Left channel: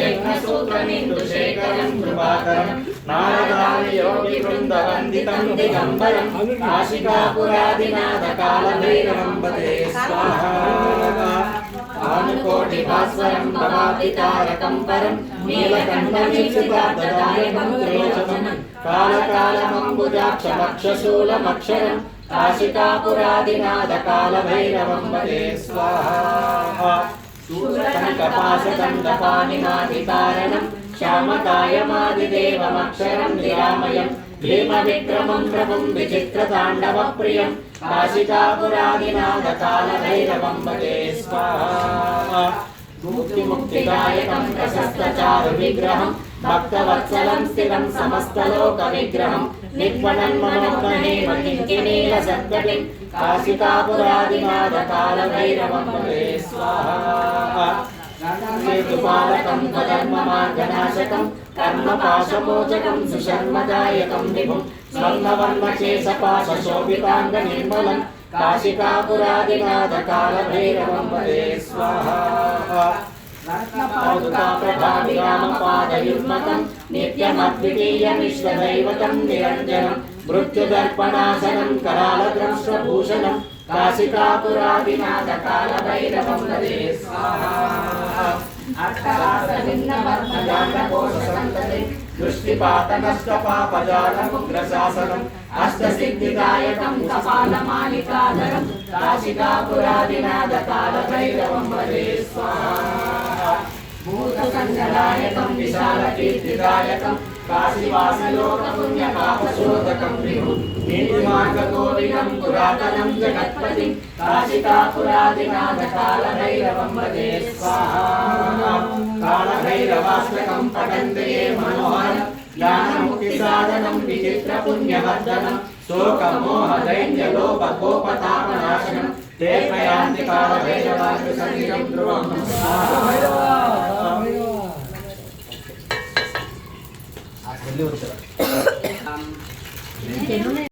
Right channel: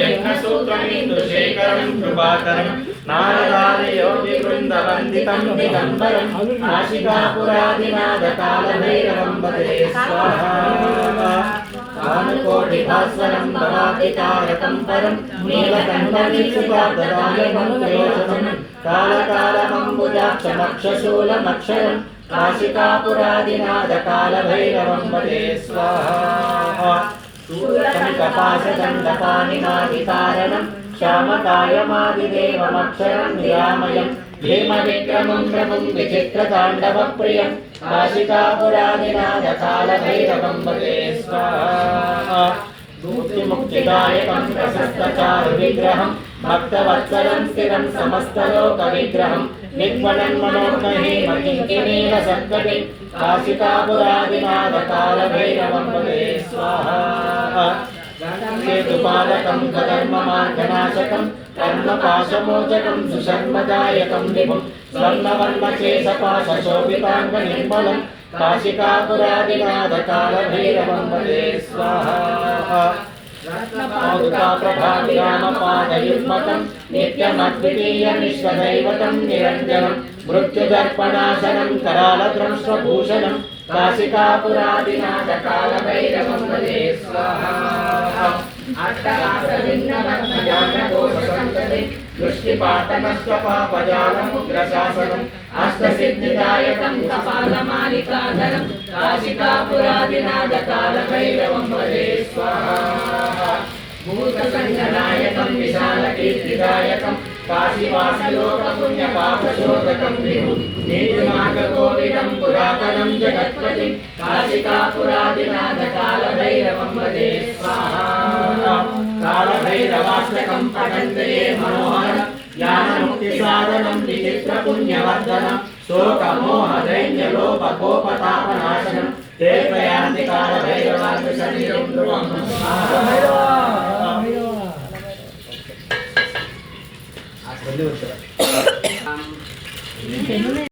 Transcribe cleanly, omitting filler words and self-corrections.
यज्ञसूत्रमिन्दुशेखरं कृपाकरं नारदार्योगिवृन्दवन्दितं दिगम्बरं काशिकापुरादिनाथकालभैरवं वन्दे स्वाहा कामकोटिभास्वरं भवाब्धितारकं परं नीलकण्ठवीक्षिताददायकं त्रयोजनं कालकालमम्बुजाक्षमक्षशूलमक्षरं काशिकापुरादिनाथकालभैरवं वन्दे स्वाहा शूलशङ्खपाशदण्डपाणिमादिकारणं श्यामकायमादिदेवमक्षरं निरामयं भीमविक्रमं प्रभुं विचित्रताण्डवप्रियं काशिकापुरादिनाथकालभैरवं वन्दे स्वाहा मुक्तिदायकं प्रशस्तचारुविग्रहं भक्तवत्सलं स्थिरं समस्तलोकविग्रहं निक्वणन्मनोग्रहेमकिङ्किणीलसत्कटिं काशिकापुरादिनाथकालभैरवं वन्दे स्वाहा केतुपालकं धर्ममार्गनाशकं कर्मपाशमोचकं सुशर्मदायकं विभुं स्वर्णवर्णकेशपाशशोभिताङ्गनिर्मलं काशिकापुरादिनाथकालभैरवं वन्दे स्वाहा प्रभाविरामपादयुग्मकं नित्यमद्वितीयमिश्रदैवतं निरञ्जनं मृत्युदर्पणाशनं करालद्रंश्वभूषणं काशिकापुरादिनाथकालभैरवं वन्दे स्वाहा दृष्टिपातनष्टपापजालमुग्रशासनम् अष्टसिद्धिदायकं कपालमालिकाधरं काशिकापुरादिनाथकालभैरवं वन्दे स्वाहा भूतसङ्गदायकं विशालकीर्तिदायकं काशीवासिलोकपुण्यपापशोधकं विभुं नीतिमार्गकोविदं पुरातनं जगत्पतिं काशिकापुरादिनाथकालभैरवं वन्दे स्वाहा कालभैरवाष्टकं पठन्ते ये मनोहरं ज्ञानमुक्तिसाधनं विचित्रपुण्यवर्धनं शोकमोहदैन्यलोभकोपतापनाशनं ते प्रयान्ति कालभैरवार्कशरीरं ध्रुवं स्वाहा